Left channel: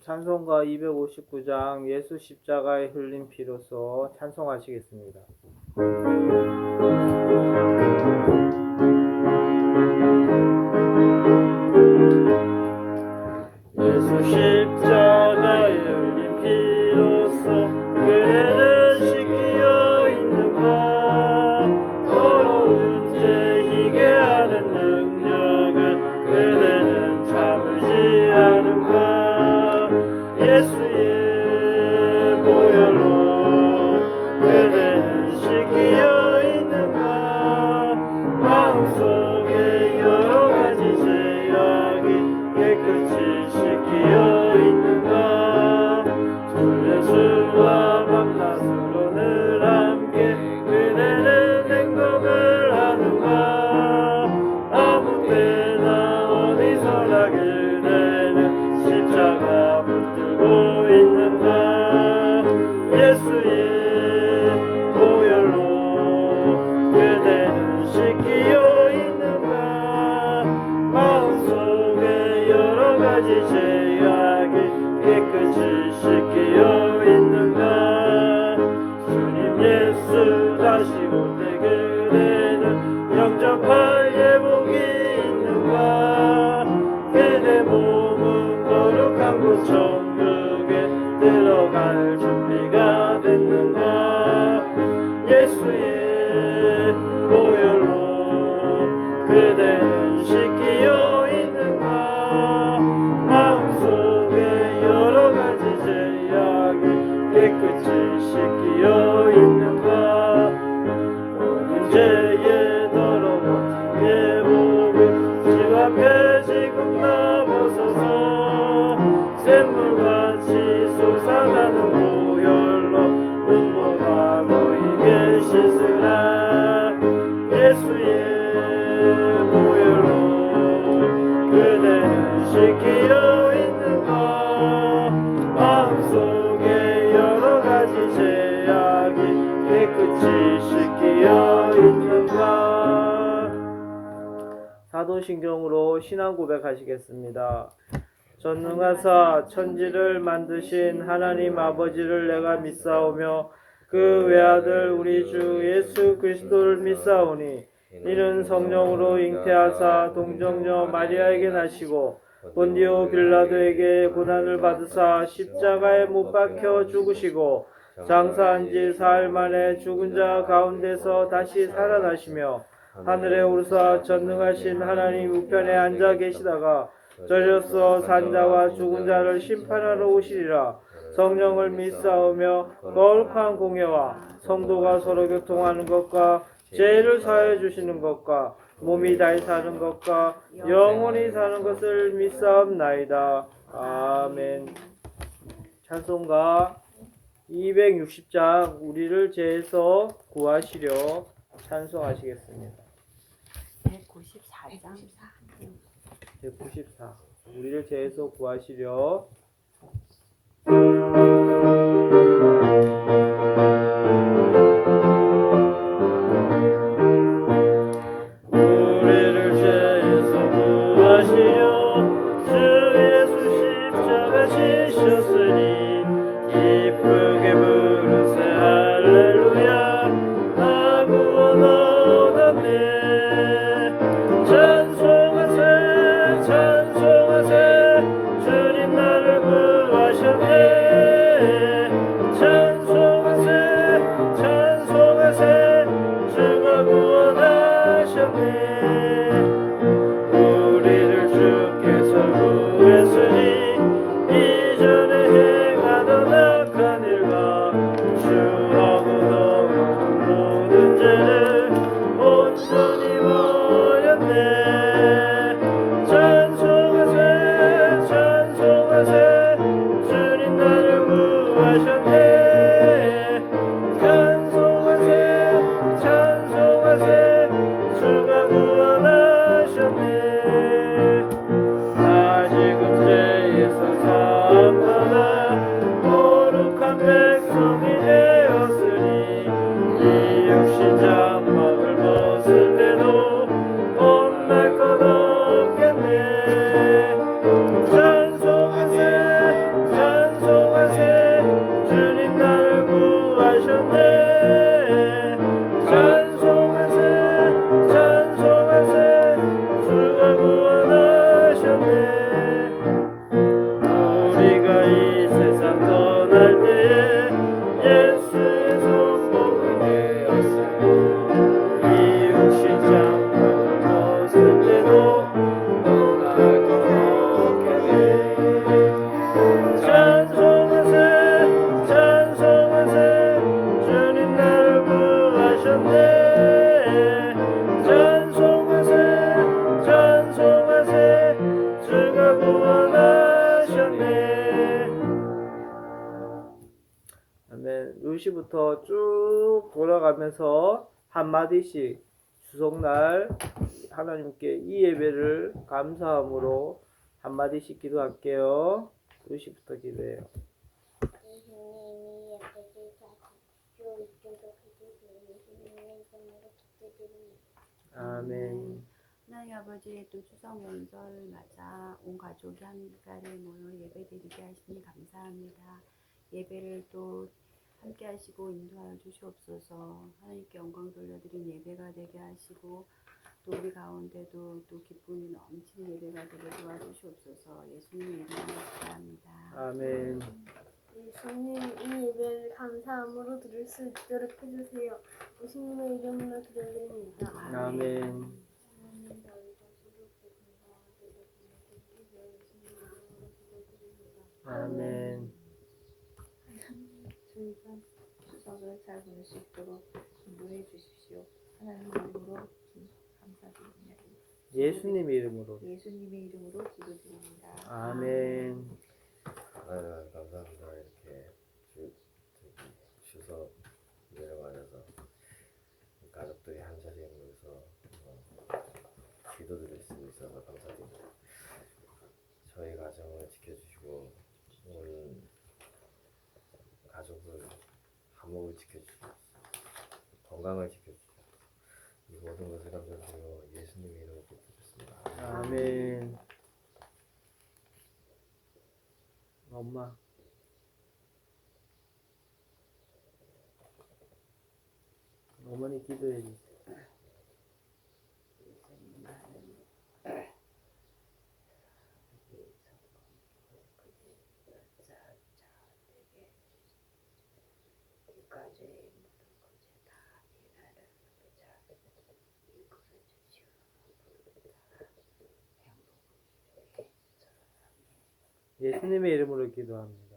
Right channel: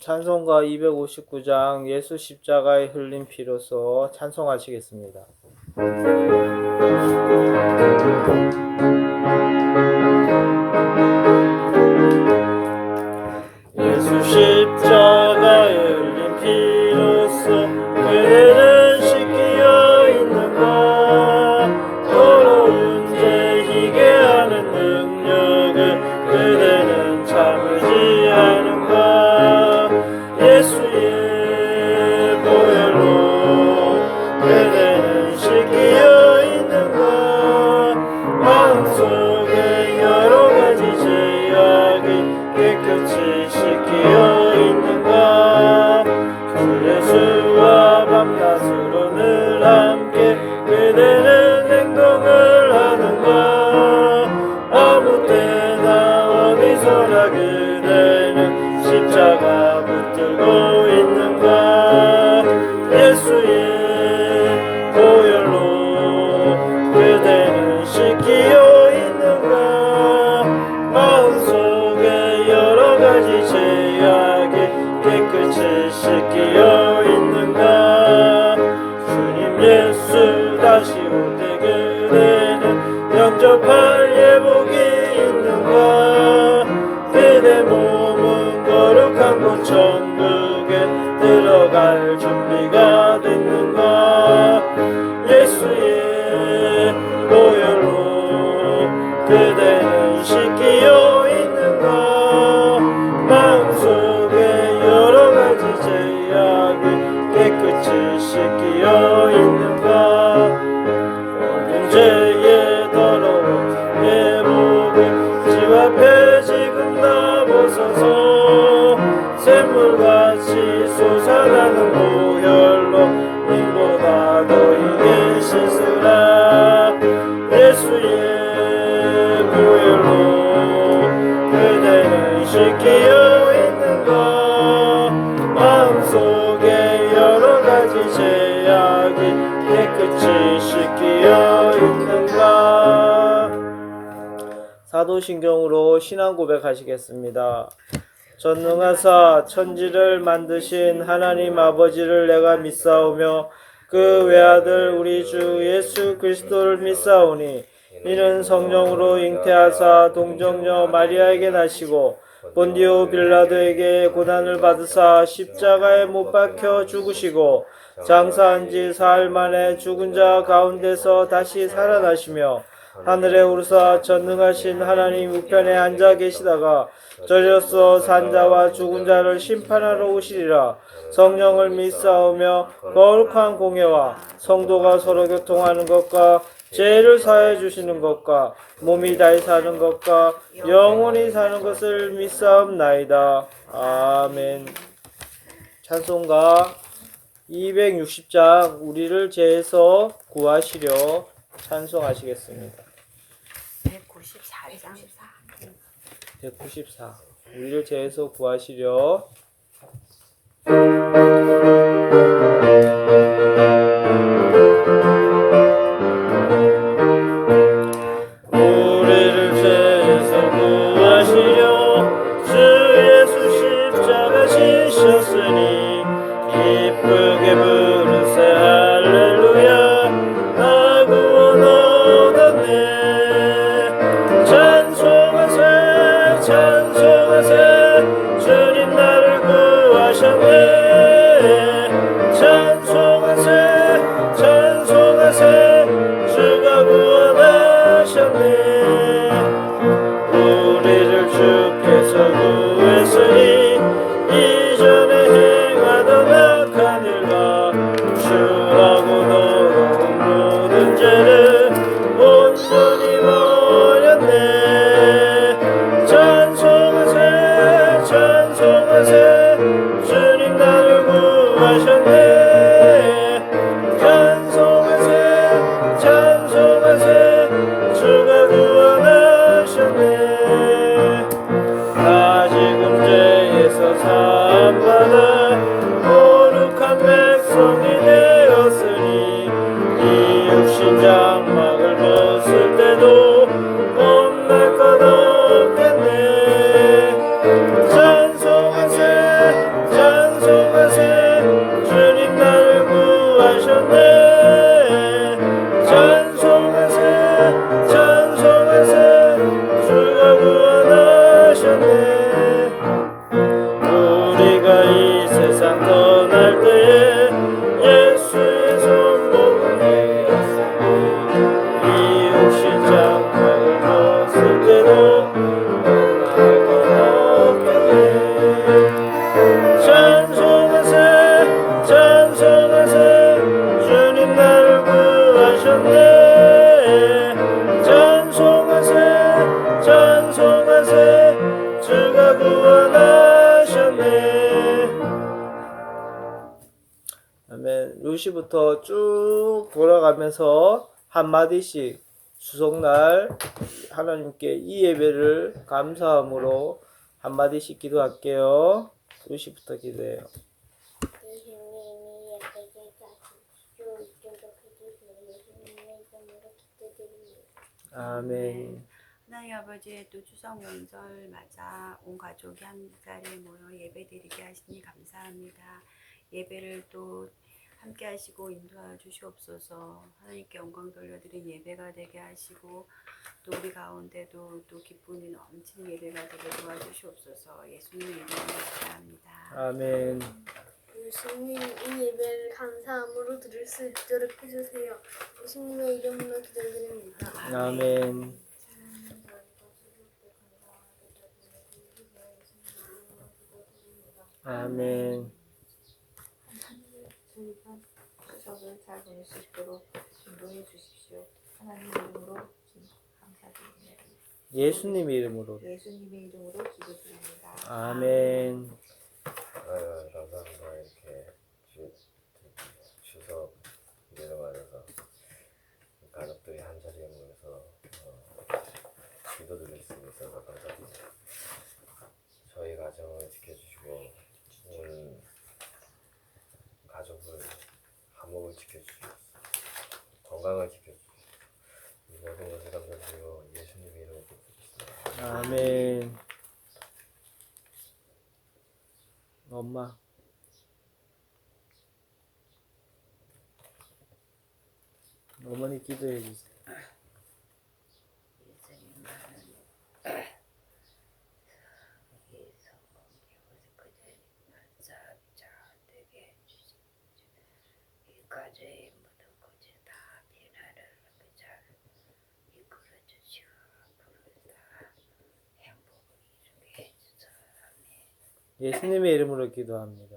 찬송가 259장 예수 십자가의 흘린 피로써 찬송하시겠습니다. 예수 십자가의 흘린 피로써 그대는 씻기어 있는가. 더러운 죄 희게 하는 능력을 그대는 참으지 않은가. 예수의 보혈로 그대는 씻기어 있는가. 마음속에 여러 가지 죄악이 깨끗이 씻기어 있는가. 주 예수와 밤낮으로 늘 함께 그대는 행동을 하는가. 아무 때나 어디서나 그대는 십자가 붙들고 있는가. 예수의 보혈로 그대는 씻기어 있는가. 마음속에 여러 가지 죄악이 깨끗이 씻기어 있는가. 주님 예수 다시 올 때 그대는 영접할 예복이 있는가. 그대 몸은 거룩한 곳 천국에 들어갈 준비가 됐는가. 예수의 보혈로 그대는 씻기어 있는가. 마음속에 여러 가지 죄악이 깨끗이 씻기어 있는가. 모든 죄의 더러운 예복을 집 앞에 지금 다 벗어서 샘물같이 솟아나는 보혈로 이보다 너희의 씻으라. 예수의 보혈로 그대는 씻기어 있는가. 마음속에 여러 가지 죄악이 깨끗이 씻기어 있는가. 사도신경으로 신앙 고백하시겠습니다. 전능하사 천지를 만드신 하나님 아버지를 내가 믿사오며 그 외아들 우리 주 예수 그리스도를 믿사오니 이는 성령으로 잉태하사 동정녀 마리아에게 나시고 본디오 빌라도에게 고난을 받으사 십자가에 못 박혀 죽으시고 장사한 지 사흘 만에 죽은 자 가운데서 다시 살아나시며 하늘에 오르사 전능하신 하나님 우편에 앉아 계시다가 저리로서 산자와 죽은 자를 심판하러 오시리라. 성령을 믿사오며 거룩한 공예와 성도가 서로 교통하는 것과 죄를 사해 주시는 것과 몸이 다시 사는 것과 영원히 사는 것을 믿사옵나이다. 아멘. 찬송가 260장 우리를 죄에서 구하시려 찬송하시겠습니다. 194장 194 우리를 죄에서 구하시려. 우리를 죄에서 구하시려 주 예수 십자가 지셨으니 기쁘게 부르세 할렐루야. 나 구원 얻었네. 찬송하세 찬송하세 주님 나를 구하셨네. 찬송하세 찬송하세 주가 구원하셨네. 우리를 주께서 구했으니 이전에 행하던 악한 일과 주하고 너무 모든 죄를 온전히 버렸네. 찬송하세 찬송하세 주님 나를 구하셨네. 찬송하세 찬송하세 주가 구원하셨네. 다시금 죄에서 사함받아 거룩한 백성이 되었으니 이 육신 장막을 벗을 때도 겁날 것 없겠네. 찬송하세 그러면 루시부터 쭉 돌아가면서 한마디씩 수속날 하나님께 이 예배를 감사함으로 한마디씩 기도할게요. 루시부터 기도해요. 예수님이 예배를 가지시고 이쪽으로 해주세요. 예수님의 이름으로 기도드립니다. 아멘. 하나님 아버지, 또 추석 명절 맞아 온 가족이 한 자리에 모여 예배드리게 하시니 감사합니다. 예배를 또 함께 하시고 인도하여 주시옵소서. 하나님께 영광 돌려드린 예배가 되게 하시고 또 우리 가운데도 또 기쁨이 넘치는 예배가 되게 도와주시옵소서. 예수님의 이름으로 기도합니다. 아멘. 예수님 이 예배를 감사함으로 드릴 수 있도록 해주세요. 예수님의 이름으로 기도드립니다. 아멘. 아멘. 저희가 추석을 잘 보낼 수 있도록 인도해 주십시오. 하나님 이름으로 감사드립니다. 예수님의 이름으로. 예수님의 이름으로 기도드립니다. 아멘. 감사합니다. 이렇게 추석 내려가면서 가족들이 한 자리에 모여서 기도드릴 수 있어서 감사드립니다. 저희 가정을 지켜주시고 온 가족을 화목을 지켜주시고 건강을 지켜주시고 이 모든 것을 감사드리고 예수님의 이름으로 기도드리겠습니다. 아멘. 엄마. 어머니 기도해 주세요. 예수님의 이름으로 기도합니다.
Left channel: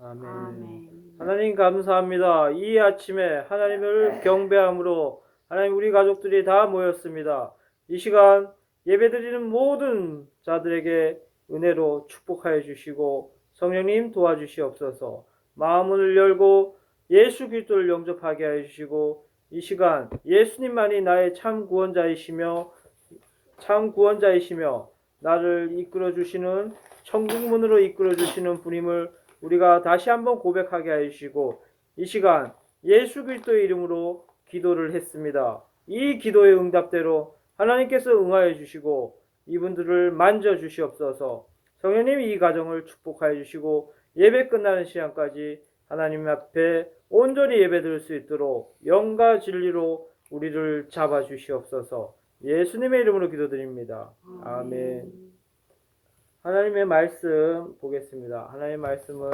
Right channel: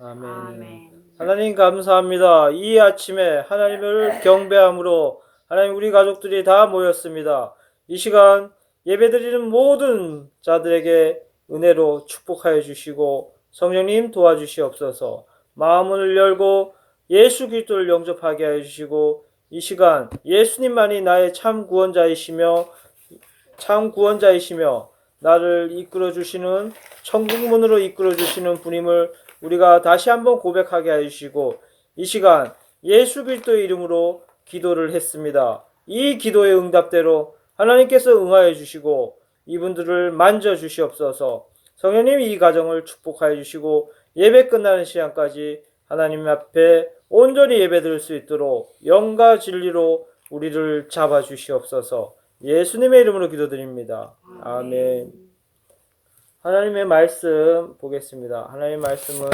아멘. 아멘. 하나님 감사합니다. 이 아침에 하나님을 경배함으로 하나님 우리 가족들이 다 모였습니다. 이 시간 예배드리는 모든 자들에게 은혜로 축복하여 주시고 성령님 도와주시옵소서. 마음을 열고 예수 그리스도를 영접하게 하여 주시고 이 시간 예수님만이 나의 참 구원자이시며 나를 이끌어 주시는 천국문으로 이끌어 주시는 분임을 우리가 다시 한번 고백하게 하시고 이 시간 예수 그리스도의 이름으로 기도를 했습니다. 이 기도의 응답대로 하나님께서 응하여 주시고 이분들을 만져 주시옵소서. 성령님 이 가정을 축복하여 주시고 예배 끝나는 시간까지 하나님 앞에 온전히 예배드릴 수 있도록 영과 진리로 우리를 잡아 주시옵소서. 예수님의 이름으로 기도드립니다. 아멘. 하나님의 말씀 보겠습니다. 하나님의 말씀은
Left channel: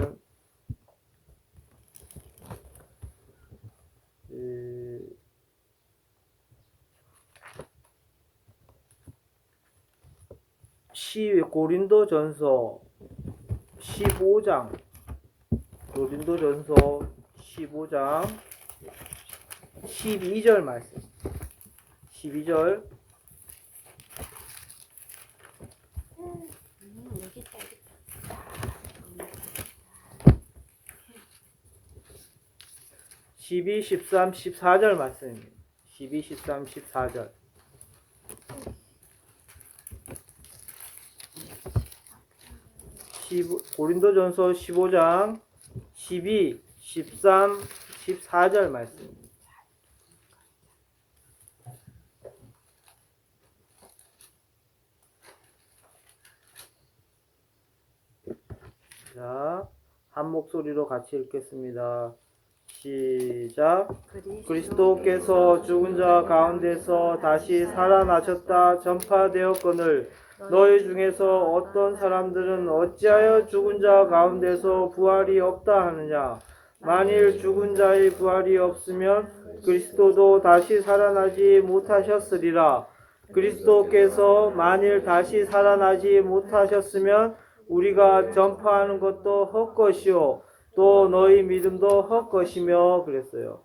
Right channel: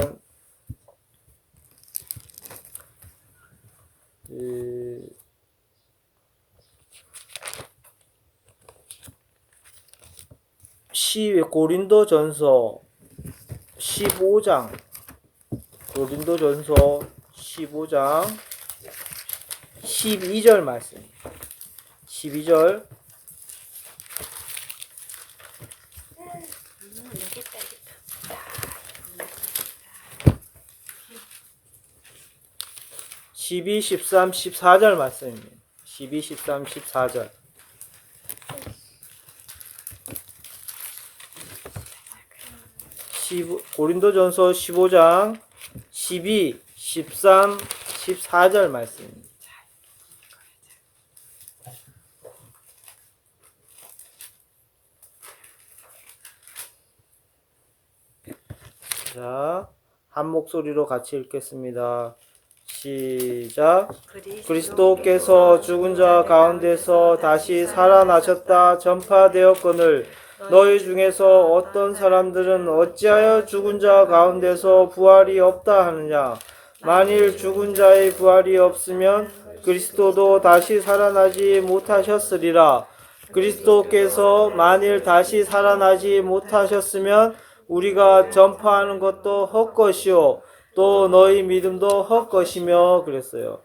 15장 12절 말씀. 12절 여기 있다. 12, 13, 14절 말씀입니다. 12, 13, 14절. 고린도전서 15장 12, 13, 14절 말씀입니다. 자, 한 목소리로 같이 읽겠습니다. 시작. 그리스도께서 죽은 자 가운데서 다시 살아나셨다 전파되었거늘 너희 중에서 어떤 사람들은 어찌하여 죽은 자 가운데서 부활이 없다 하느냐. 만일 죽은 자의 부활이 없으면 그리스도도 다시 살아나지 못하셨으리라. 그리스도께서 만일 다시 살아나지 못하셨으면 우리가 전파하는 것도 헛것이요 또 너희 믿음도 헛것이며 그랬어요.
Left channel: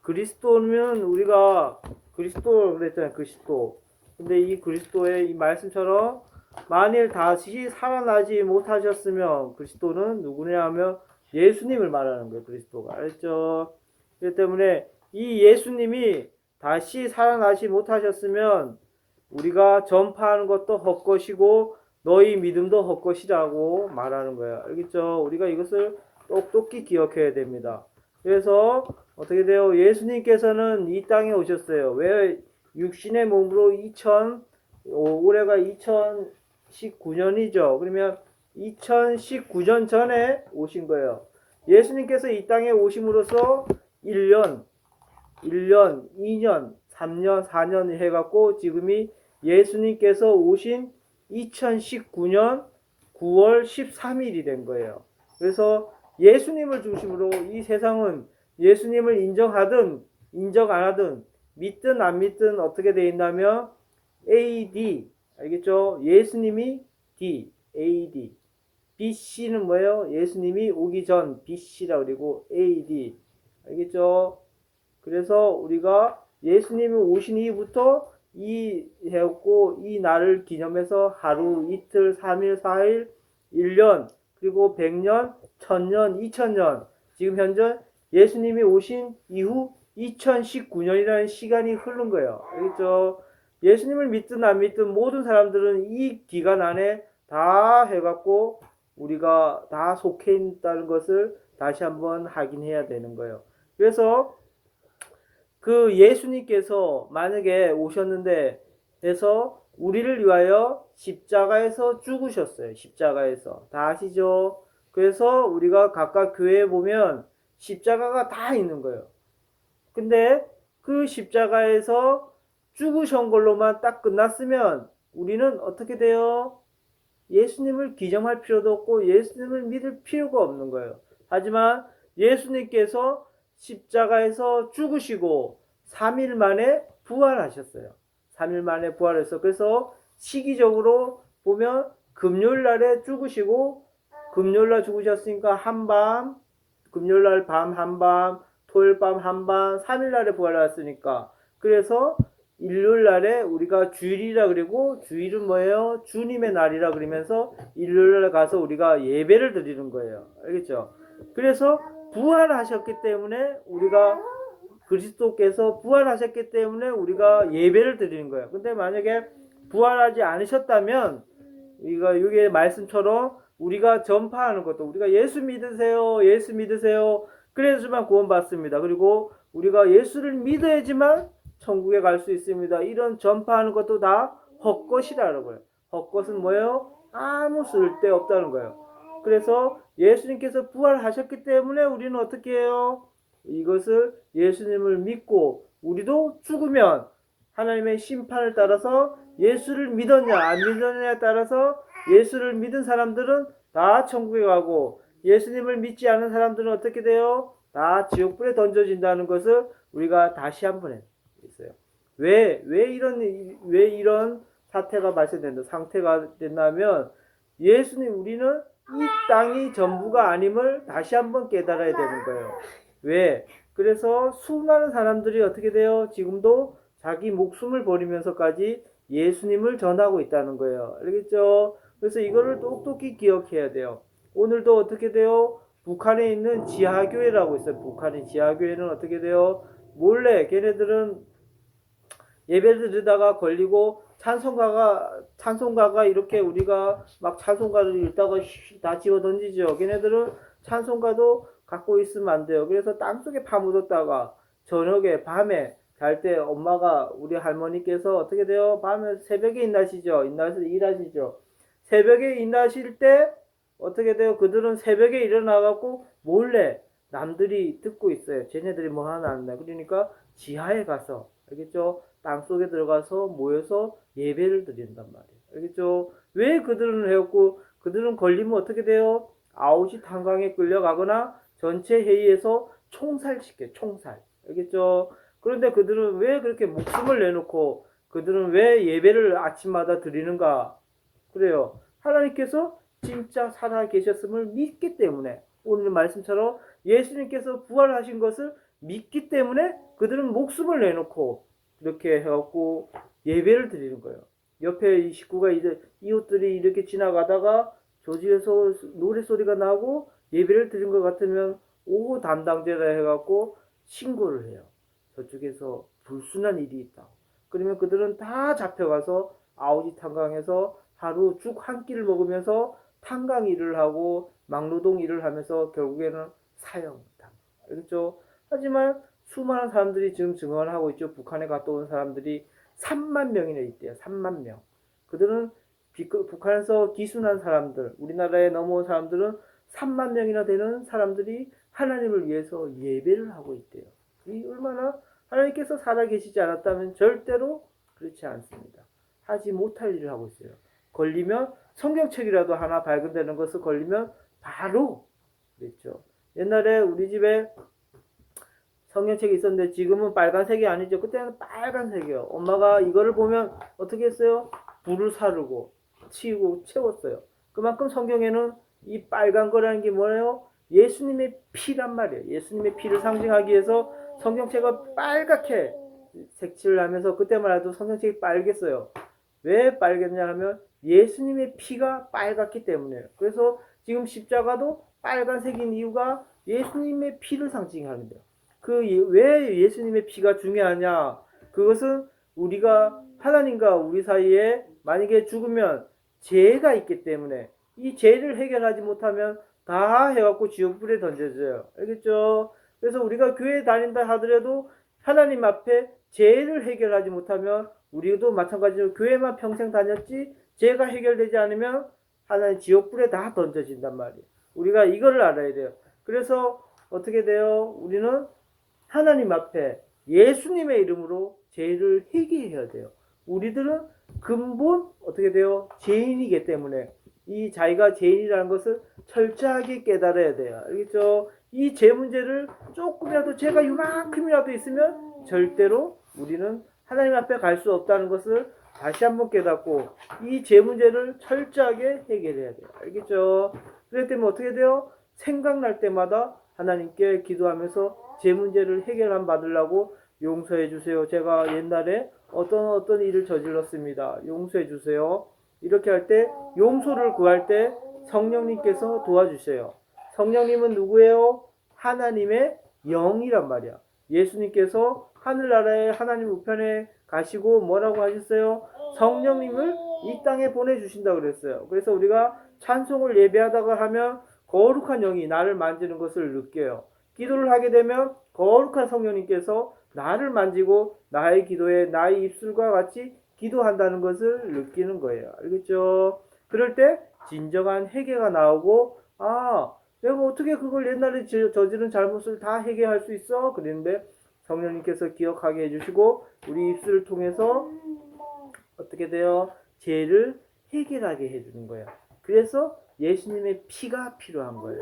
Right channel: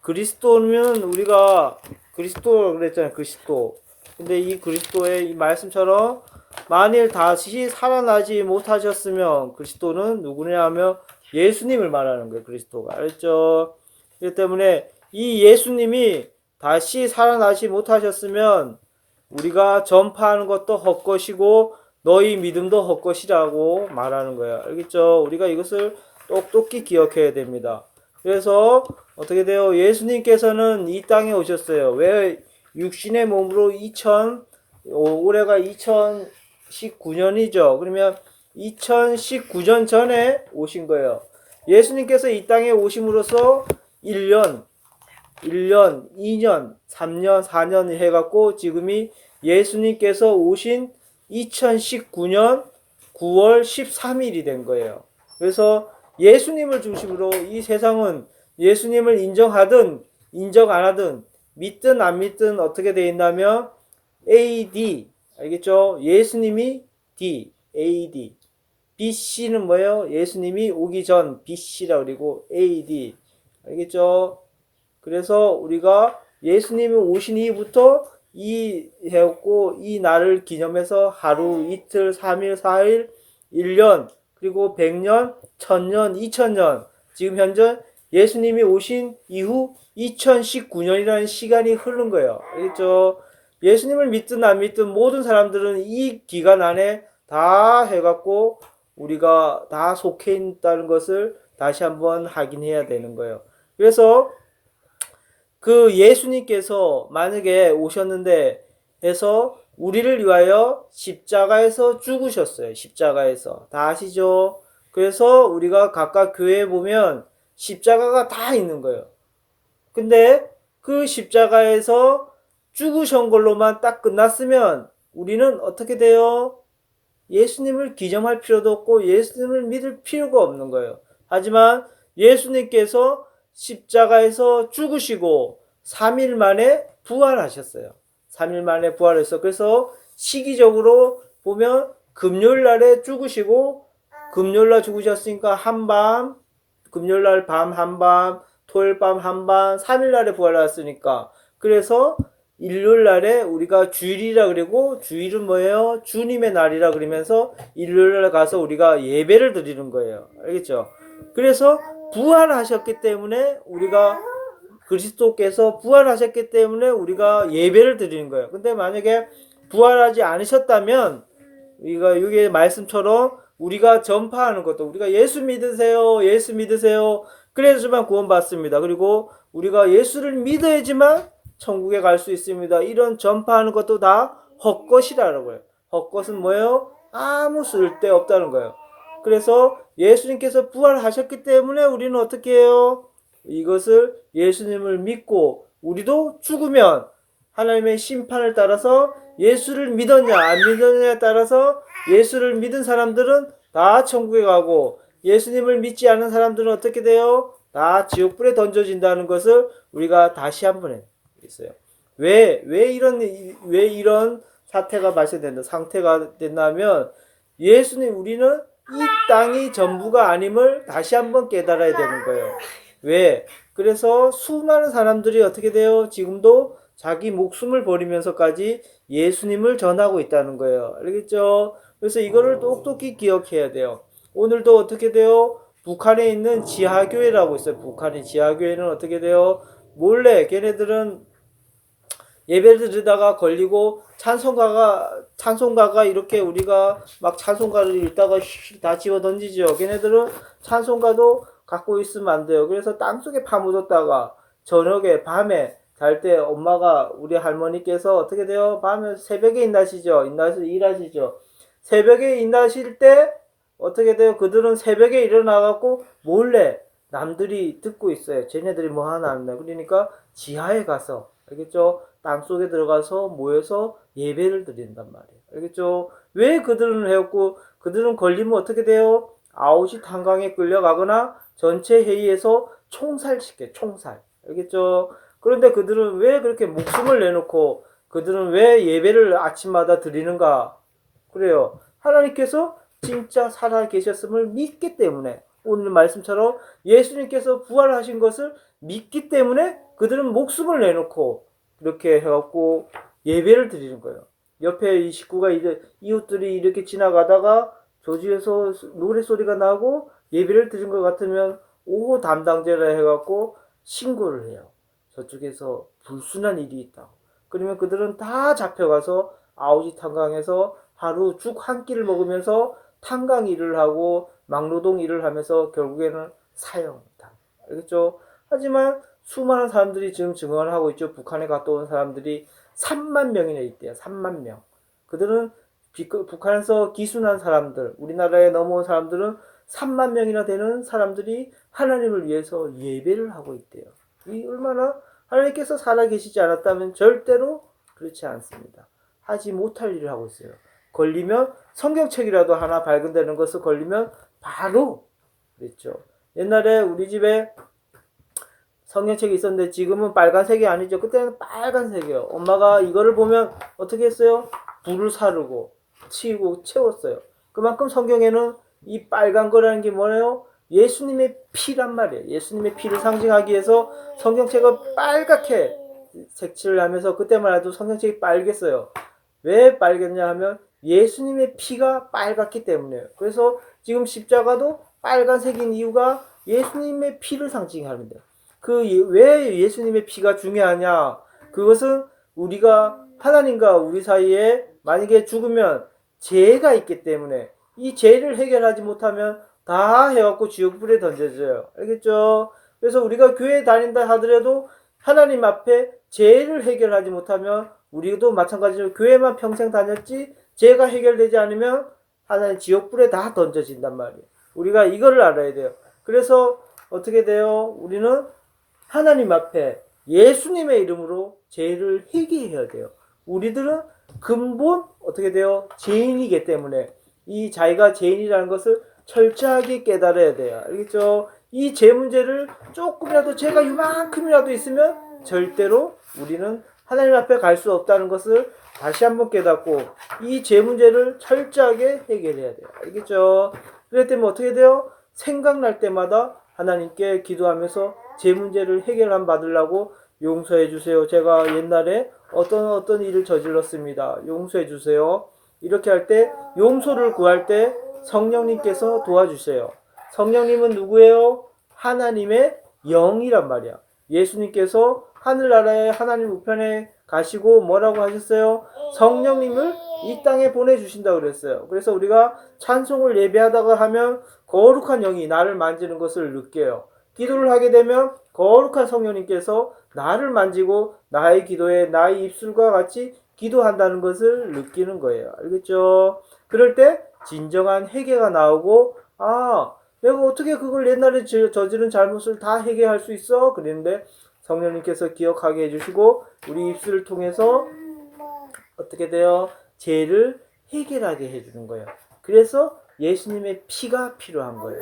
그리스도면 우리가 그리스도 그랬잖아요. 그리스도. 근데 이 그리스도의 이 말씀처럼 만일 다시 살아나지 못하셨으면 그리스도는 누구냐 하면 예수님을 말하는 거예요. 그리스도가. 알겠죠? 그렇기 때문에 이 예수님이 다시 살아나지 못하셨으면 우리가 전파하는 것도 헛것이고 너희 믿음도 헛것이라고 말하는 거예요. 알겠죠? 우리가 이것을 똑똑히 기억해야 됩니다. 그래서 어떻게 돼요? 예수님께서는 이 땅에 오셨어요. 왜 육신의 몸으로 올해가 2019년이죠. 그러면 2019년 전에 오신 거예요. 예수님께서 이 땅에 오심으로써 1년, 2년, 3년, 4년 해갖고 지금이 예수님께서 오신 2019년 9월 13일이 된 거예요. 그래서 예수님을 중심으로 이 세상은 예수님을 인정하든 인정 안 하든 믿든 안 믿든 어떻게 돼 있냐면 AD 알겠죠? 예수님이 D, AD BC는 뭐예요? 예수님이 오기 전 BC라 그리고 AD 알겠죠? 그래서 우리가 예수님이 오신 이후부터 이 해왔고 이 날을 기념해서 하루, 이틀, 3일, 4일, 1년, 그리고 100년, 1000년, 2000년 지금 현재 예수님이 오신 이후 2019년이라는 시간이 흐른 거예요. 알겠죠? 예수님을 믿든 안 믿든 모든 사람들은 이 기간 안에 다 해갖고 우리가 다 속해 있다는 것을 다시 한번 확인해야 되는 거예요. 그래서 그 예수님께서 만약에 오셨는데 해서 우리를 위하여 십자가에서 죽으셨어요. 십자가에서. 다 아시죠? 그래서 우리가 각각 교회에 보면 십자가가 다 있는 거예요. 근데 그 십자가에서 죽으신 걸로만 딱 끝났으면 우리는 어떻게 돼요? 예수님을 기념할 필요도 없고 예수님을 믿을 필요가 없는 거예요. 하지만 예수님께서 십자가에서 죽으시고 3일 만에 부활하셨어요. 3일 만에 부활했어. 그래서 시기적으로 보면 금요일 날에 죽으시고 금요일 날 죽으셨으니까 한밤, 금요일 날 밤 한밤, 토요일 밤 한밤, 3일 날에 부활했으니까 그래서 일요일 날에 우리가 주일이라 그러고 주일은 뭐예요? 주님의 날이라 그러면서 일요일 날 가서 우리가 예배를 드리는 거예요. 알겠죠? 그래서 부활하셨기 때문에 우리가 그리스도께서 부활하셨기 때문에 우리가 예배를 드리는 거예요. 근데 만약에 부활하지 않으셨다면 우리가 여기 말씀처럼 우리가 전파하는 것도 우리가 예수 믿으세요. 예수 믿으세요. 그래야지만 구원받습니다. 그리고 우리가 예수를 믿어야지만 천국에 갈 수 있습니다. 이런 전파하는 것도 다 헛것이라는 거예요. 헛것은 뭐예요? 아무 쓸데 없다는 거예요. 그래서 예수님께서 부활하셨기 때문에 우리는 어떻게 해요? 이것을 예수님을 믿고 우리도 죽으면 하나님의 심판을 따라서 예수를 믿었냐 안 믿었냐에 따라서 예수를 믿은 사람들은 다 천국에 가고 예수님을 믿지 않은 사람들은 어떻게 돼요? 다 지옥불에 던져진다는 것을 우리가 다시 한번 있어요. 왜 이런 사태가 발생된다, 상태가 된다면 예수님 우리는 이 땅이 전부가 아님을 다시 한번 깨달아야 되는 거예요. 왜? 그래서 수많은 사람들이 어떻게 돼요? 지금도 자기 목숨을 버리면서까지 예수님을 전하고 있다는 거예요. 알겠죠? 그래서 이거를 똑똑히 기억해야 돼요. 오늘도 어떻게 돼요? 북한에 있는 지하교회라고 있어요. 북한의 지하교회는 어떻게 돼요? 몰래 걔네들은 예배를 드리다가 걸리고 찬송가가 이렇게 우리가 막 찬송가를 읽다가 다 집어 던지죠. 걔네들은 찬송가도 갖고 있으면 안 돼요. 그래서 땅속에 파묻었다가 저녁에 밤에 잘 때 엄마가 우리 할머니께서 어떻게 돼요? 밤에 새벽에 일하시죠. 일하시죠. 새벽에 일하실 때 어떻게 돼요? 그들은 새벽에 일어나갖고 몰래 남들이 듣고 있어요. 쟤네들이 뭐 하나 안 나. 그러니까 지하에 가서 알겠죠? 땅속에 들어가서 모여서 예배를 드린단 말이에요. 알겠죠? 왜 그들은 해왔고 그들은 걸리면 어떻게 돼요? 아웃이 탄광에 끌려가거나 전체 회의에서 총살시켜. 총살. 알겠죠? 그런데 그들은 왜 그렇게 목숨을 내놓고 그들은 왜 예배를 아침마다 드리는가? 그래요. 하나님께서 진짜 살아 계셨음을 믿기 때문에 오늘 말씀처럼 예수님께서 부활하신 것을 믿기 때문에 그들은 목숨을 내놓고 이렇게 해갖고 예배를 드리는 거예요. 옆에 이 식구가 이웃들이 이렇게 지나가다가 조지에서 노래 소리가 나고 예배를 드린 것 같으면 오후 담당자라 해갖고 신고를 해요. 저쪽에서 불순한 일이 있다. 그러면 그들은 다 잡혀가서 아우지 탄광에서 하루 죽 한 끼를 먹으면서 탄광 일을 하고 막노동 일을 하면서 결국에는 사형다. 알겠죠? 하지만 수많은 사람들이 지금 증언을 하고 있죠. 북한에 갔다 온 사람들이 3만 명이나 있대요. 3만 명. 그들은 북한에서 기순한 사람들, 우리나라에 넘어온 사람들은 3만 명이나 되는 사람들이 하나님을 위해서 예배를 하고 있대요. 이 얼마나 하나님께서 살아계시지 않았다면 절대로 그렇지 않습니다. 하지 못할 일을 하고 있어요. 걸리면 성경책이라도 하나 발견되는 것을 걸리면 바로 그랬죠. 옛날에 우리 집에 성경책이 있었는데 지금은 빨간색이 아니죠. 그때는 빨간색이요. 엄마가 이거를 보면 어떻게 했어요? 불을 사르고 치우고 채웠어요. 그만큼 성경에는 이 빨간 거라는 게 뭐예요? 예수님의 피란 말이에요. 예수님의 피를 상징하기 위해서 성경책을 빨갛게 색칠을 하면서 그때만 해도 성경책이 빨갰어요. 왜 빨갰냐 하면 예수님의 피가 빨갛기 때문에요. 그래서 지금 십자가도 빨간색인 이유가 예수님의 피를 상징하는데 왜 예수님의 피가 중요하냐? 그것은 우리가 하나님과 우리 사이에 만약에 죽으면 죄가 있기 때문에 이 죄를 해결하지 못하면 다 해갖고 지옥불에 던져져요. 알겠죠? 그래서 우리가 교회 다닌다 하더라도 하나님 앞에 죄를 해결하지 못하면 우리도 마찬가지로 교회만 평생 다녔지 죄가 해결되지 않으면 하나님 지옥불에 다 던져진단 말이에요. 우리가 이거를 알아야 돼요. 그래서 어떻게 돼요? 우리는 하나님 앞에 예수님의 이름으로 죄를 회개해야 돼요. 우리들은 근본 어떻게 돼요? 죄인이기 때문에 이 자기가 죄인이라는 것을 철저하게 깨달아야 돼요. 알겠죠? 이 죄 문제를 조금이라도 죄가 이만큼이라도 있으면 절대로 우리는 하나님 앞에 갈 수 없다는 것을 다시 한번 깨닫고 이 죄 문제를 철저하게 해결해야 돼요. 알겠죠? 그렇기 때문에 어떻게 돼요? 생각날 때마다 하나님께 기도하면서 제 문제를 해결함 받으려고 용서해 주세요. 제가 옛날에 어떤 일을 저질렀습니다. 용서해 주세요. 이렇게 할 때 용서를 구할 때 성령님께서 도와주세요. 성령님은 누구예요? 하나님의 영이란 말이야. 예수님께서 하늘나라에 하나님 우편에 가시고 뭐라고 하셨어요? 성령님을 이 땅에 보내주신다고 그랬어요. 그래서 우리가 찬송을 예배하다가 하면 거룩한 영이 나를 만지는 것을 느껴요. 기도를 하게 되면 거룩한 성령님께서 나를 만지고 나의 기도에 나의 입술과 같이 기도한다는 것을 느끼는 거예요. 알겠죠? 그럴 때 진정한 회개가 나오고 내가 어떻게 그걸 옛날에 저지른 잘못을 다 회개할 수 있어? 그랬는데 성령님께서 기억하게 해주시고 우리 입술을 통해서 어떻게 돼요? 죄를 해결하게 해주는 거예요. 그래서 예수님의 피가 필요한 거예요.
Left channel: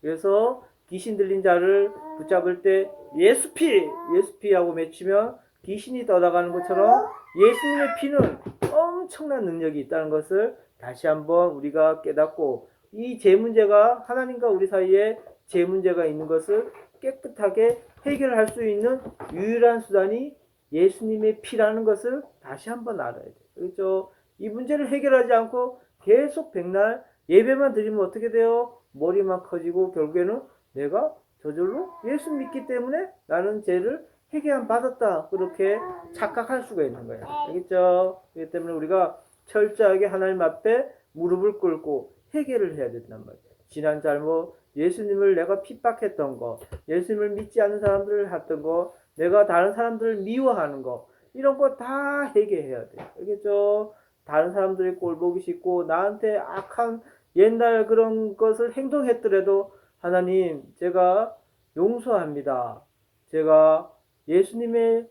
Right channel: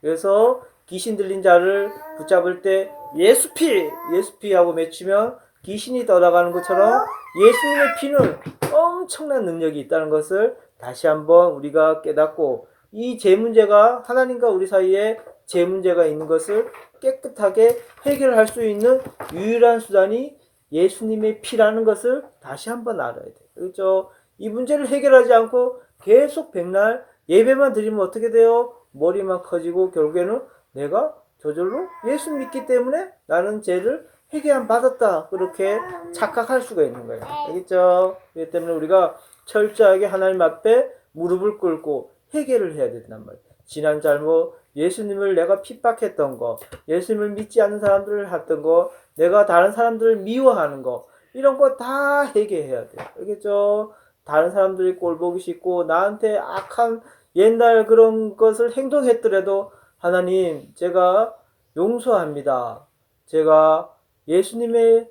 그래서 귀신 들린 자를 붙잡을 때 예수피! 예수피 하고 외치면 귀신이 떠나가는 것처럼 예수님의 피는 엄청난 능력이 있다는 것을 다시 한번 우리가 깨닫고 이 죄 문제가 하나님과 우리 사이에 죄 문제가 있는 것을 깨끗하게 해결할 수 있는 유일한 수단이 예수님의 피라는 것을 다시 한번 알아야 돼요. 그렇죠? 이 문제를 해결하지 않고 계속 백날 예배만 드리면 어떻게 돼요? 머리만 커지고 결국에는 내가 저절로 예수 믿기 때문에 나는 죄를 회개함 받았다 그렇게 착각할 수가 있는 거예요. 알겠죠? 그렇기 때문에 우리가 철저하게 하나님 앞에 무릎을 꿇고 회개를 해야 된단 말이에요. 지난 잘못, 예수님을 내가 핍박했던 거, 예수님을 믿지 않는 사람들을 했던 거, 내가 다른 사람들을 미워하는 거, 이런 거 다 회개해야 돼요. 알겠죠? 다른 사람들이 꼴 보기 싫고 나한테 악한 옛날 그런 것을 행동했더라도 하나님 제가 용서합니다. 제가 예수님의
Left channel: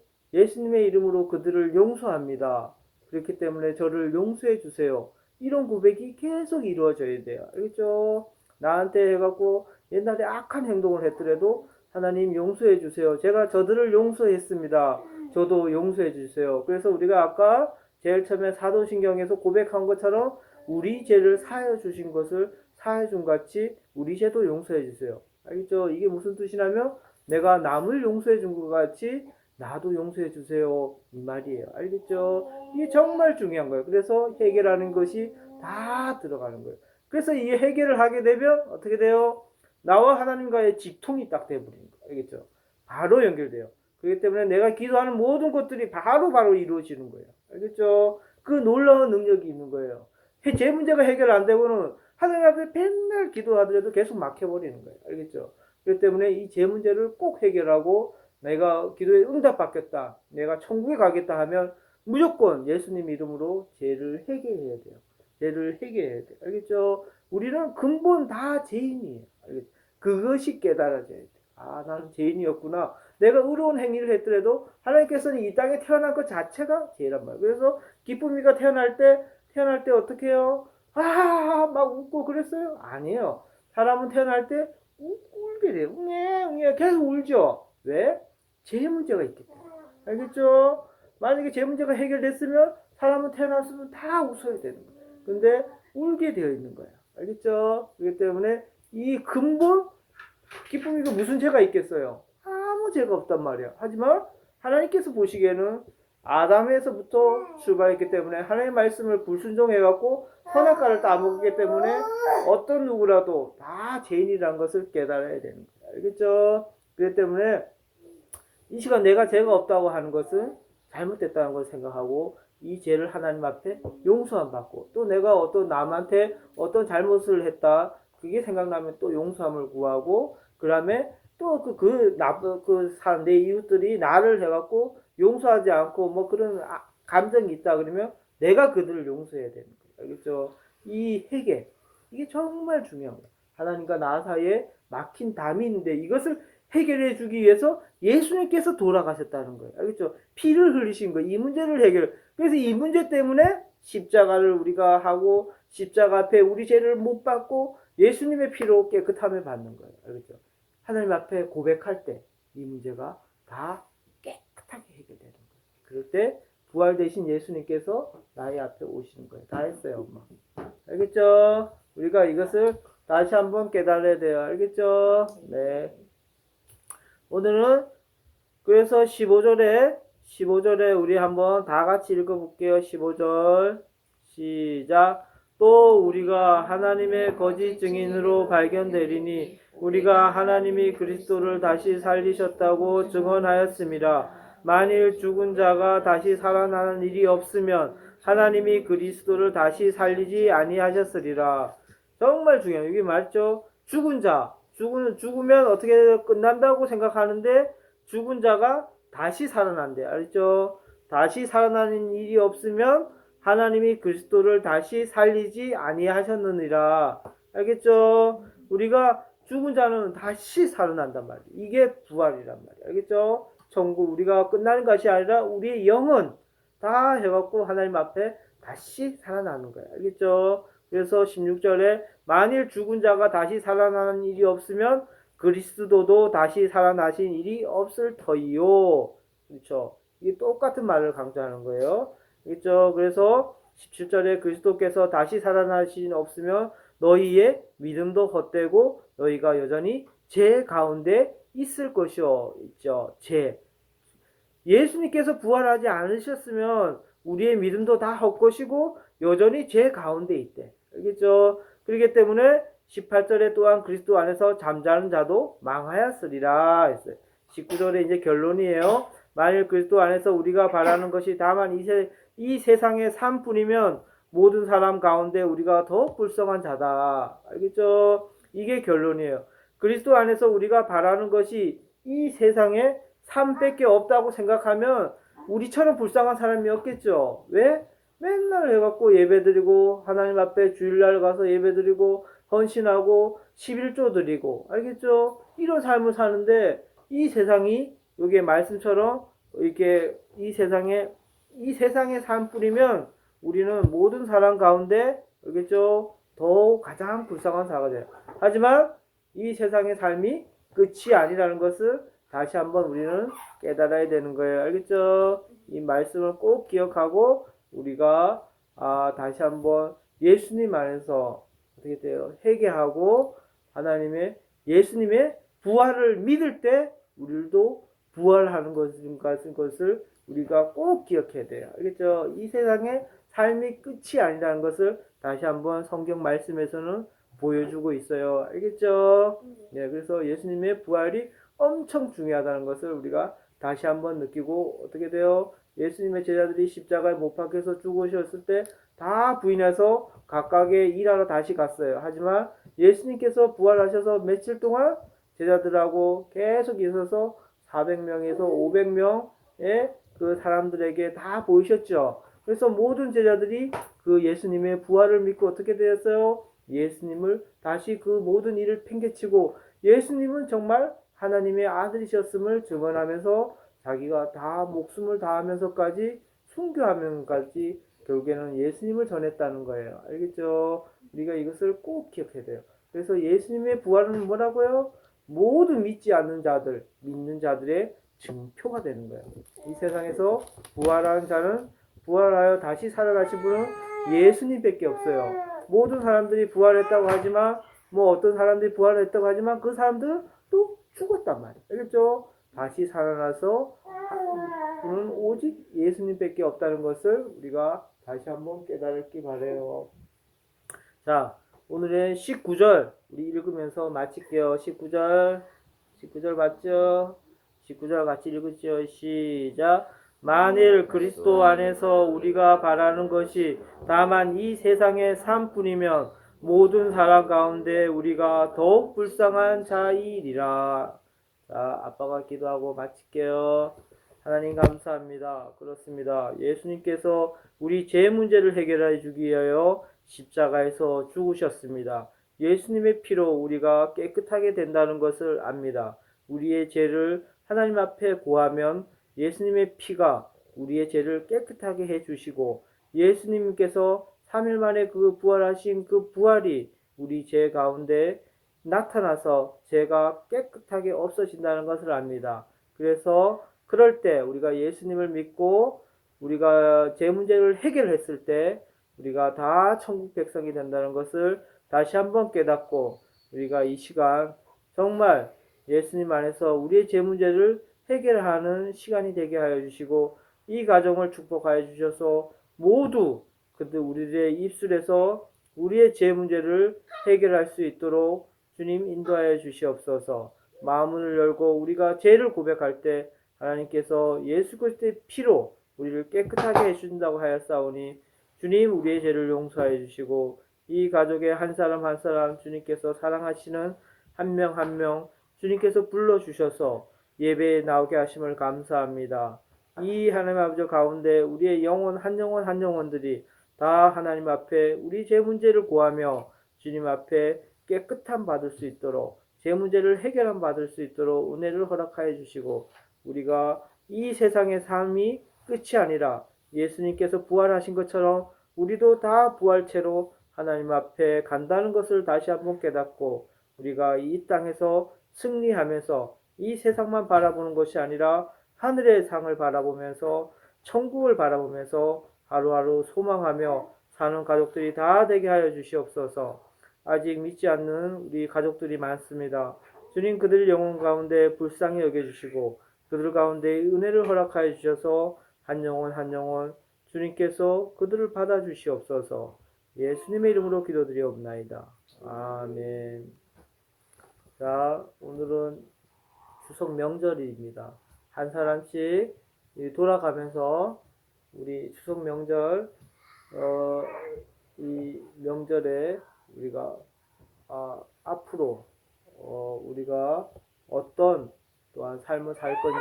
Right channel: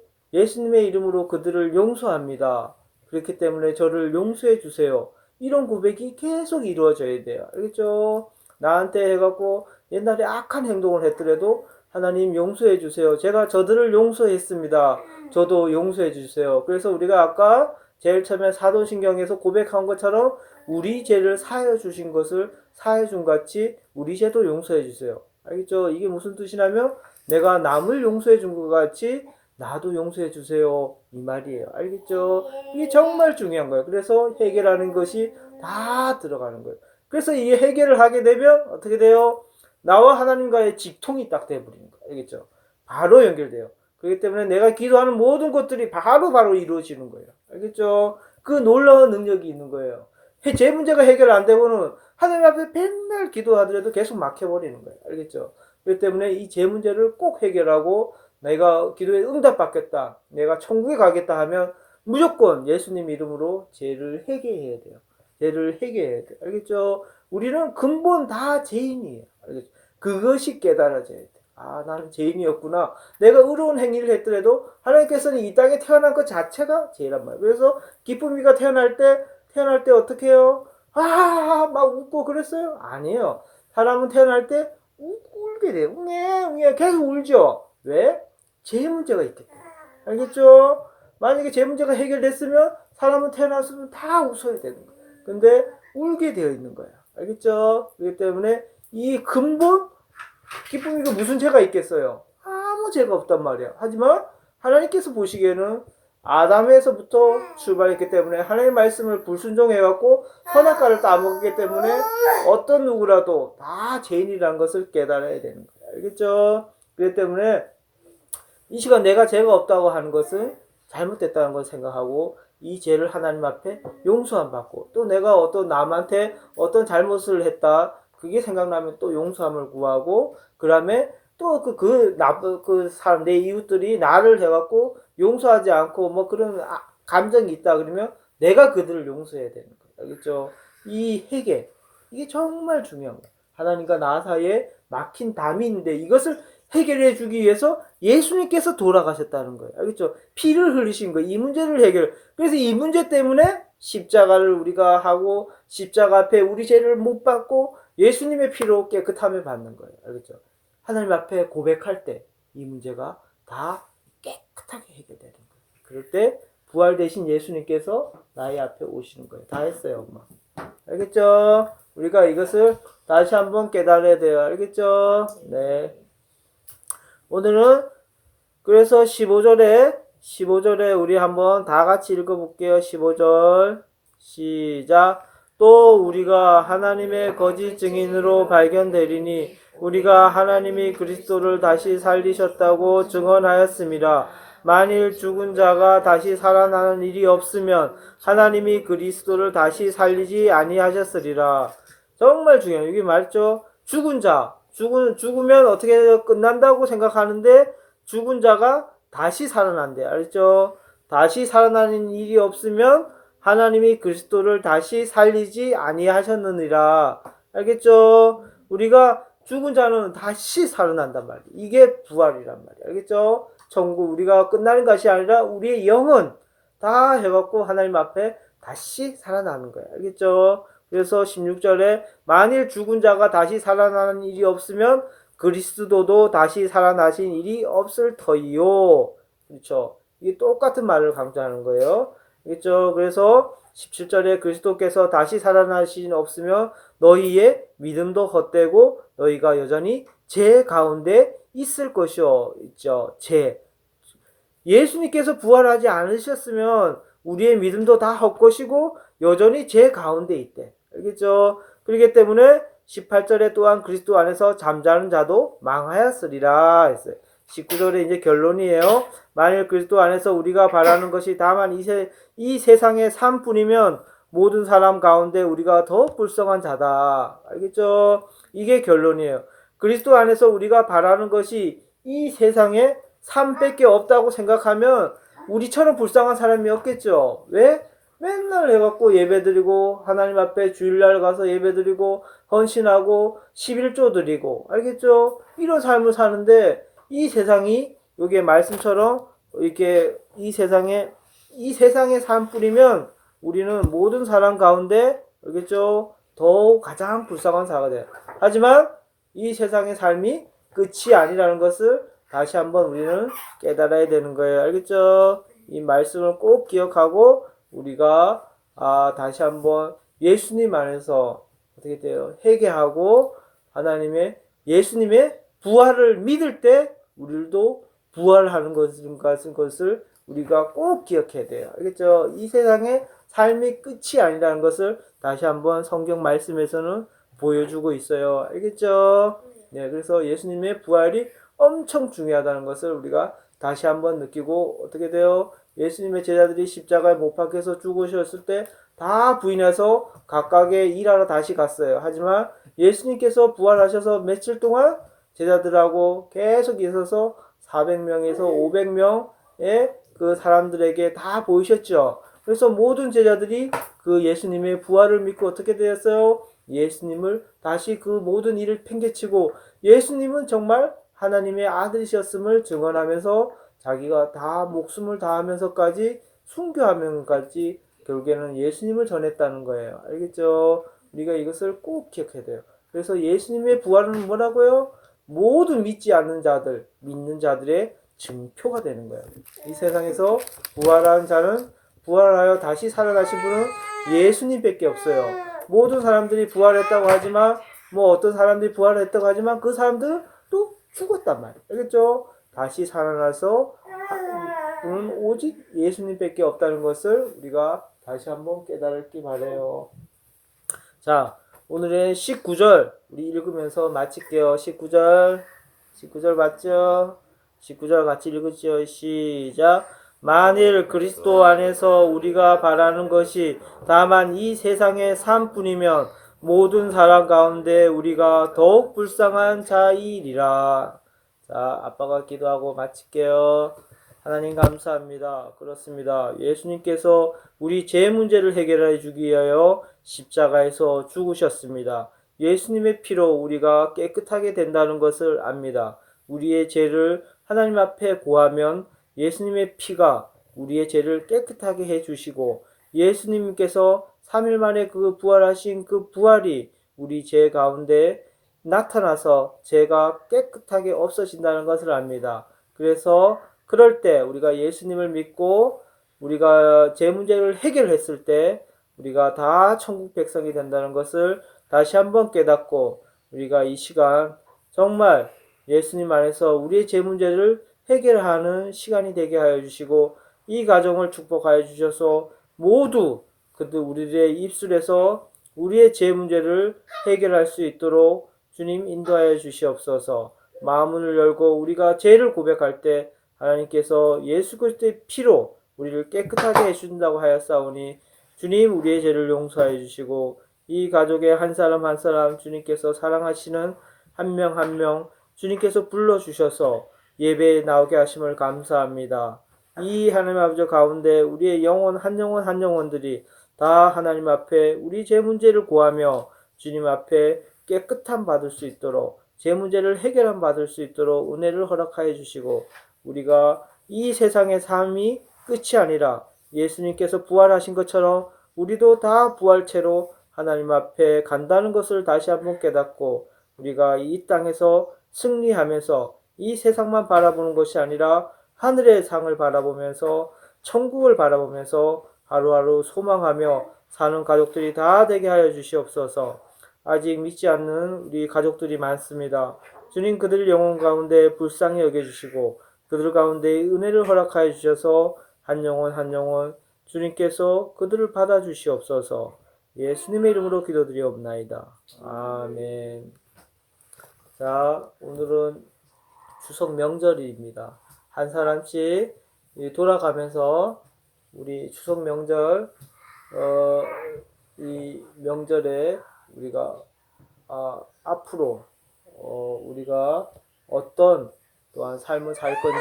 이름으로 그들을 용서합니다. 그렇기 때문에 저를 용서해 주세요. 이런 고백이 계속 이루어져야 돼요. 알겠죠? 나한테 해갖고 옛날에 악한 행동을 했더라도 하나님 용서해 주세요. 제가 저들을 용서했습니다. 저도 용서해 주세요. 그래서 우리가 아까 제일 처음에 사도신경에서 고백한 것처럼 우리 죄를 사하여 주신 것을 사하여 준 같이 우리 죄도 용서해 주세요. 알겠죠? 이게 무슨 뜻이냐면 내가 남을 용서해 준 것 같이 나도 용서해 주세요. 이 말이에요. 알겠죠? 이게 정말 중요한 거예요. 그래서 해결하는 것이 다 들어가는 거예요. 그래서 이 해결을 하게 되면 어떻게 돼요? 나와 하나님과의 직통이 딱 돼버리는 거예요. 알겠죠? 바로 연결돼요. 그렇기 때문에 내가 기도하는 모든 것들이 바로 이루어지는 거예요. 알겠죠? 그 놀라운 능력이 있는 거예요. 제 문제가 해결 안 되고는 하나님 앞에 맨날 기도하더라도 계속 막혀버리는 거예요. 알겠죠? 그렇기 때문에 이 제 문제를 꼭 해결하고 내가 기도에 응답받겠다, 내가 천국에 가겠다 하면 무조건 예수님 이름으로 죄를 회개해야 돼요. 죄를 회개해야 돼요. 알겠죠? 우리는 근본 다 죄인이에요. 알겠죠? 그것이 깨달아져야 돼요. 아, 나는 죄인이었구나. 내가 의로운 행위를 했더라도 하나님께서는 이 땅에 태어난 것 자체가 죄란 말이에요. 그래서 기쁨이가 태어날 때 어떻게 해요? 아, 막 웃고 그랬어요? 아니에요. 사람은 태어날 때 울게 돼요. 웅해 계속 울죠. 왜? 제 문제가 있기 때문에. 알겠죠? 만약에 제 문제가 해결됐으면 사람은 태어났으면 다 웃어야 되는 거예요. 근데 울게 되어 있는 거예요. 알겠죠? 그렇기 때문에 이 근본 기쁨이가 무슨 죄가 있겠어요? 아무 죄가 없단 말이야. 하지만 하나님께서 보시기에는 아담에서부터 출발했기 때문에 하나님의 말씀을 불순종해갖고 선악과를 따먹었기 때문에 어떤 누구라도 다 죄인이라는 것을 깨달아야 되는 거예요. 알겠죠? 그렇기 때문에 이 시간 내가 죄가 없다고 하는 것은 잘못됐다는 걸 생각하고 이 죄를 하나님 앞에 용서함 받고 또 내가 어떤 남한테 어떤 잘못을 했다 그게 생각나면 또 용서함을 구하고 그 다음에 또 그 사람 내 이웃들이 나를 해갖고 용서하지 않고 뭐 그런 감정이 있다 그러면 내가 그들을 용서해야 되는 거예요. 알겠죠? 이 회개 이게 정말 중요한 거예요. 하나님과 나 사이에 막힌 담이 있는데 이것을 해결해 주기 위해서 예수님께서 돌아가셨다는 거예요. 알겠죠? 피를 흘리신 거예요. 이 문제를 그래서 이 문제 때문에 십자가를 우리가 하고 십자가 앞에 우리 죄를 못 받고 예수님의 피로 깨끗함을 받는 거예요. 알겠죠? 하나님 앞에 고백할 때 이 문제가 다 깨끗하게 해결되는 거예요. 그럴 때 부활 대신 예수님께서 나의 앞에 오시는 거예요. 다 했어요, 엄마. 알겠죠? 우리가 이것을 다시 한번 깨달아야 돼요. 알겠죠? 네. 오늘은 그래서 15절에 우리 한번 다 같이 읽어볼게요. 15절 시작. 또 우리가 하나님의 거짓 증인으로 발견되리니 우리가 하나님이 그리스도를 다시 살리셨다고 증언하였습니다. 만일 죽은 자가 다시 살아나는 일이 없으면 하나님이 그리스도를 다시 살리지 아니하셨으리라. 정말 중요해요. 이게 말이죠. 죽으면 어떻게 끝난다고 생각하는데 죽은 자가 다시 살아난대. 알죠? 다시 살아나는 일이 없으면 하나님이 그리스도를 다시 살리지 아니하셨느니라. 알겠죠? 우리가 죽은 자는 다시 살아난단 말이에요. 이게 부활이란 말이에요. 알겠죠? 천국 우리가 끝나는 것이 아니라 우리의 영은 다 해갖고 하나님 앞에 다시 살아나는 거예요. 알겠죠? 그래서 16절에 만일 죽은 자가 다시 살아나는 일이 없으면 그리스도도 다시 살아나신 일이 없을 터이요. 그렇죠? 이게 똑같은 말을 강조하는 거예요. 알겠죠? 그래서 17절에 그리스도께서 다시 살아나신 없으면 너희의 믿음도 헛되고 너희가 여전히 죄 가운데 있을 것이요. 있죠? 예수님께서 부활하지 않으셨으면 우리의 믿음도 다 헛것이고 여전히 죄 가운데 있대. 알겠죠? 그렇기 때문에 18절에 또한 그리스도 안에서 잠자는 자도 망하였으리라 했어요. 19절에 이제 결론이에요. 만일 그리스도 안에서 우리가 바라는 것이 다만 이 세상의 삶뿐이면 모든 사람 가운데 우리가 더 불쌍한 자다. 알겠죠? 이게 결론이에요. 그리스도 안에서 우리가 바라는 것이 이 세상에 삶밖에 없다고 생각하면 우리처럼 불쌍한 사람이 없겠죠. 왜? 맨날 해갖고 예배드리고 하나님 앞에 주일날 가서 예배드리고 헌신하고 11조 드리고 알겠죠? 이런 삶을 사는데 이 세상이 여기에 말씀처럼 이렇게 이 세상의 삶뿐이면 우리는 모든 사람 가운데 알겠죠? 더욱 가장 불쌍한 사가 돼요. 하지만 이 세상의 삶이 끝이 아니라는 것을 다시 한번 우리는 깨달아야 되는 거예요. 알겠죠? 이 말씀을 꼭 기억하고 우리가 다시 한번 예수님 안에서 어떻게 돼요? 회개하고 예수님의 부활을 믿을 때 우리도 부활하는 것을 우리가 꼭 기억해야 돼요. 알겠죠? 이 세상의 삶이 끝이 아니라는 것을 다시 한번 성경 말씀에서는 보여주고 있어요. 알겠죠? 네, 그래서 예수님의 부활이 엄청 중요하다는 것을 우리가 다시 한번 느끼고 어떻게 돼요? 예수님의 제자들이 십자가에 못 박혀서 죽으셨을 때 다 부인해서 각각의 일하러 다시 갔어요. 하지만 예수님께서 부활하셔서 며칠 동안 제자들하고 계속 있어서 400명에서 500명의 그 사람들에게 다 보이셨죠. 그래서 모든 제자들이 그 예수님의 부활을 믿고 어떻게 되었어요? 예수님을 다시 그 모든 일을 팽개치고 예수님은 정말 하나님의 아들이셨음을 증언하면서 자기가 다 목숨을 다하면서까지 순교하면서까지 결국에는 예수님을 전했다는 거예요. 알겠죠? 우리가 이것을 꼭 기억해야 돼요. 그래서 예수님의 부활은 뭐라고요? 모든 믿지 않는 자들, 믿는 자들의 증표가 되는 거예요. 이 세상에서 부활한 자는 부활하여 다시 살아나신 분은 예수님밖에 없어요. 모든 사람들이 부활했다고 하지만 어떤 사람들이 부활했다고 하지만 그 사람들은 또 죽었단 말이에요. 알겠죠? 다시 살아나서 그는 오직 예수님밖에 없다는 것을 우리가 다시 한번 깨달기 바래요. 자, 오늘의 19절 우리 읽으면서 마칠게요. 19절 맞죠? 19절 같이 읽으시죠. 시작. 만일 그리스도 안에서 우리가 바라는 것이 다만 이 세상의 삶뿐이면 모든 사람 가운데 우리가 더욱 불쌍한 자이리라. 자, 아빠가 기도하고 마칠게요. 하나님 감사합니다. 그렇습니다. 예수님께서 우리 죄 문제를 해결해 주기 위하여 십자가에서 죽으셨습니다. 예수님의 피로 우리가 깨끗하게 된다는 것을 압니다. 우리의 죄를 하나님 앞에 고하면 예수님의 피가 우리의 죄를 깨끗하게 해주시고 예수님께서 3일 만에 그 부활하신 그 부활이 우리 죄 가운데 나타나서 죄가 깨끗하게 없어진다는 것을 압니다. 그래서 그럴 때 우리가 예수님을 믿고 우리가 죄 문제를 해결했을 때 우리가 다 천국 백성이 된다는 것을 다시 한번 깨닫고 우리가 이 시간 정말 예수님 안에서 우리의 죄 문제를 해결하는 시간이 되게 하여 주시고 이 가정을 축복하여 주셔서 모두 그들 우리의 입술에서 우리의 죄 문제를 해결할 수 있도록 주님 인도하여 주시옵소서. 마음을 열고 우리가 죄를 고백할 때 하나님께서 예수 그리스도의 피로 우리를 깨끗하게 해주신다고 하였사오니 주님 우리의 죄를 용서해 주시고 이 가족의 한 사람 한 사람 주님께서 사랑하시는 한 명 한 명 주님께서 불러주셔서 예배에 나오게 하심을 감사합니다. 이 하나님 아버지 가운데 우리의 영혼 한 영혼들이 다 하나님 앞에 우리 죄 문제를 고하며 주님 앞에 깨끗함 받을 수 있도록 죄 문제를 해결함 받을 수 있도록 은혜를 허락하여 주시고 우리가 이 세상의 삶이 끝이 아니라 예수님께서 부활하신 것처럼 우리도 다 부활체로 하나님 앞에 간다는 것을 다시 한번 깨닫고 우리가 이 땅에서 승리하면서 이 세상만 바라보는 것이 아니라 하늘의 상을 바라보면서 천국을 바라보면서 하루하루 소망하며 사는 가족들이 다 되게 하여 주시옵소서. 아직 믿지 않는 우리 가족들이 많습니다. 주님 그들 영혼 가운데 불쌍히 여겨주시고 그들 가운데 은혜를 허락하여 주셔서 한 영혼 주님께서 그들을 받아주시옵소서. 예수님의 이름으로 기도드리옵나이다. 아멘. 자, 오늘은 추석 명절입니다. 한 사람씩 돌아가면서 우리 추석 명절 이 명절에 우리가 앞으로 우리가 어떤 또한 삶을 살 건지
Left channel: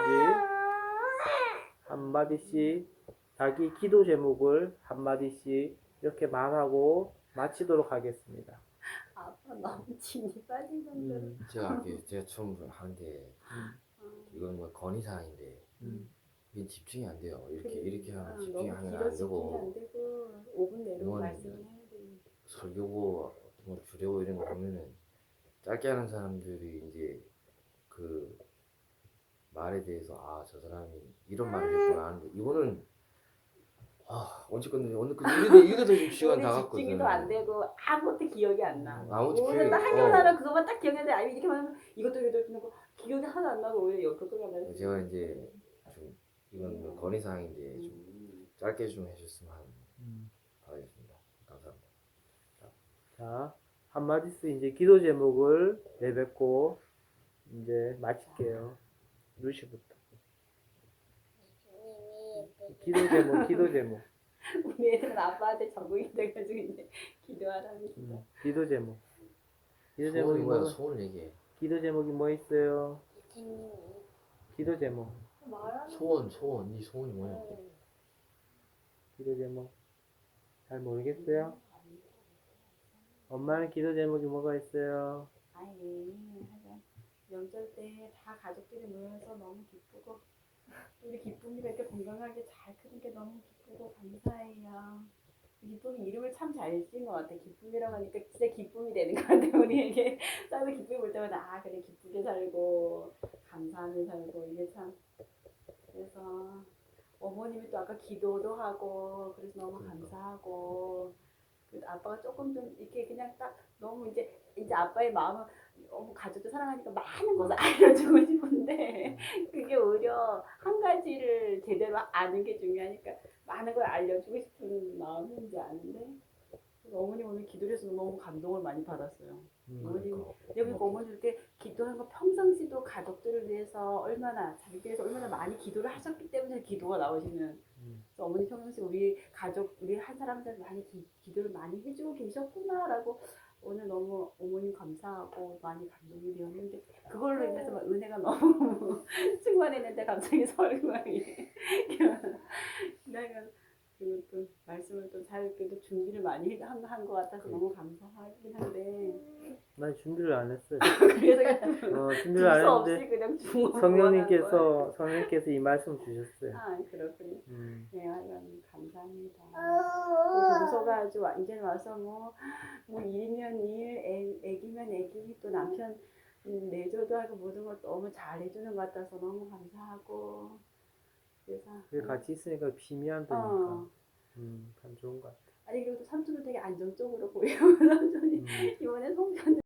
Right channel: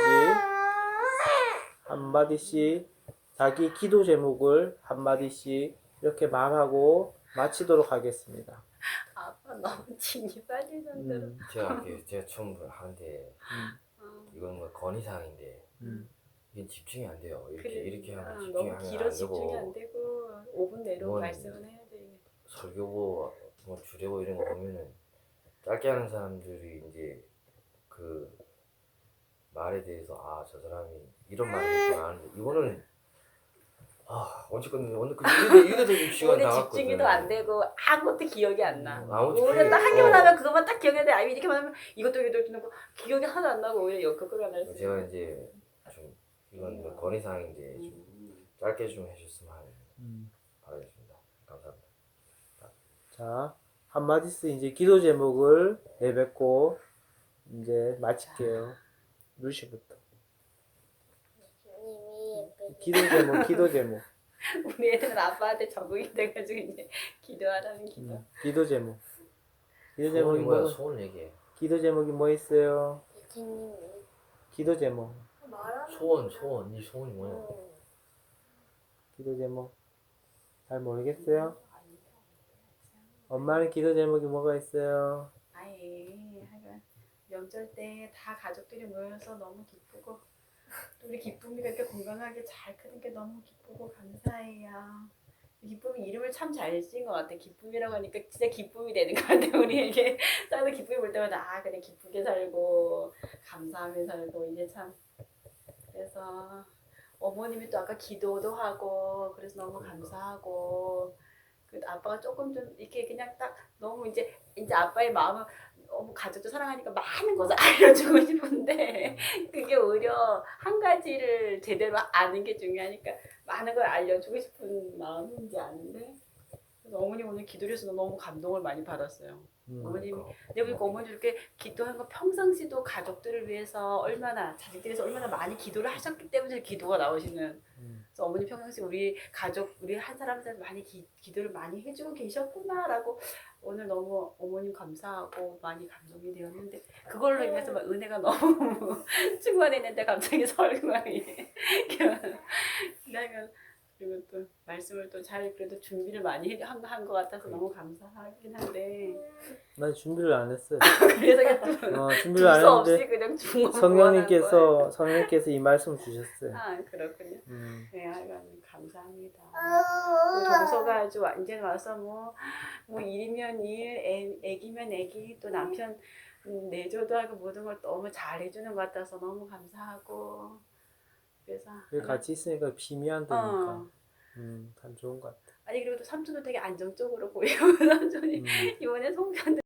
한마디씩 자기 기도 제목을 한마디씩 이렇게 말하고 마치도록 하겠습니다. 아빠 너무 진이 빠지던데로. 제가 처음 하는데 이건 뭐 건의사항인데 이게 집중이 안 돼요. 이렇게 하면 집중이 너무 안 길어 집중이 되고 안 되고 5분 내로 이건 말씀을 해야 돼. 설교고 뭐 주례고 이런 거 보면은 짧게 하는 사람들이 이제 그 말에 대해서 저 사람이 이런 말을 했구나 하는데 이거는 어쨌건 오늘 그 이래도 6시간 오늘 나갔거든. 집중도 안 되고 아무것도 기억이 안 나. 아무것도 오히려 기억이- 딱 한 개만 어. 하면 그것만 딱 기억나는데 아니 이렇게만 하면 이것도 넣고 기억이 하나도 안 나고 오히려 역효과가 날 수 있어. 제가 이제 좀 이건 뭐 건의사항인데 좀 짧게 좀 해줬으면 하는 바라겠습니다. 감사합니다. 자, 한마디씩 이제 기도 제목을 내뱉고 이제 마칠게요. 루시부터. 기도 제목. 우리 애들은 아빠한테 적응이 돼가지고 이제 기도하라는 기도. 기도 제목. 기도 소원이 제목이 뭐야? 뭐? 소원 얘기해. 기도 제목이 뭐 있어요? 기도 제목. 소원 이 소원이 뭐냐? 기도 제목. 잘 모르겠어요? 엄마는 기도 제목이 뭐가 있어요? 아예 하여간 명절 때 다 가족들이 모여서 너무 기쁘고 또 우리 기쁨이가 이렇게 건강하게 잘 크는 게 너무 기쁘고 감사해요. 기쁨이 이름을 참 잘 지은 것 같아. 기쁨이라고 하니까 진짜 기쁨이 되는 것 같아. 우리에게 나도 기쁨이 볼 때마다 아 그래 기쁘게 살고 감사하며 살고 이게 참 그래서 어머님이 또 아까 기도도 하고 그래서 너무 감사하고 그 아빠가 조금 좀 이렇게 그냥 딱 너무 이제 아빠의 마음은 너무 가족도 사랑하니까 많은 것을 알려주고 싶은데 그게 오히려 한 가지를 제대로 아는 게 중요하니까 많은 걸 알려주고 싶은 마음인지 아는데 그래서 어머님 오늘 기도를 해서 너무 감동을 많이 받았어요. 어머님이 내가 보니까 어머니 이렇게 기도한 거 평상시도 가족들을 위해서 얼마나 자식들이 위해서 얼마나 많이 기도를 하셨기 때문에 기도가 나오시는 그래서 어머니 평상시 우리 가족 우리 한 사람 한 사람 많이 기도를 많이 해주고 계셨구나라고 오늘 너무 어머님 감사하고 많이 감동이 되었는데 그걸로 인해서 막 은혜가 너무 충만했는데 갑자기 설교하니 내가 그리고 또 말씀을 또 잘 그래도 준비를 많이 한 것 같아서 너무 감사하긴 한데 난 준비를 안 했어요. 그래서 준비를 안 둘수 없이 했는데 그냥 중원 성령님께서 이 말씀 주셨어요. 아 그렇군요. 네, 하여간 감사합니다. 아, 동서가 아주 완전 와서 뭐 일이면 일, 애기면 애기, 또 남편 내조도 하고 모든 걸 너무 잘해주는 것 같아서 너무 감사하고 그래서 같이 있으니까 비미안 되니까 참 좋은 것 같아. 아니 그리고 또 삼촌도 되게 안정적으로 보이고 삼촌이 이번에 송편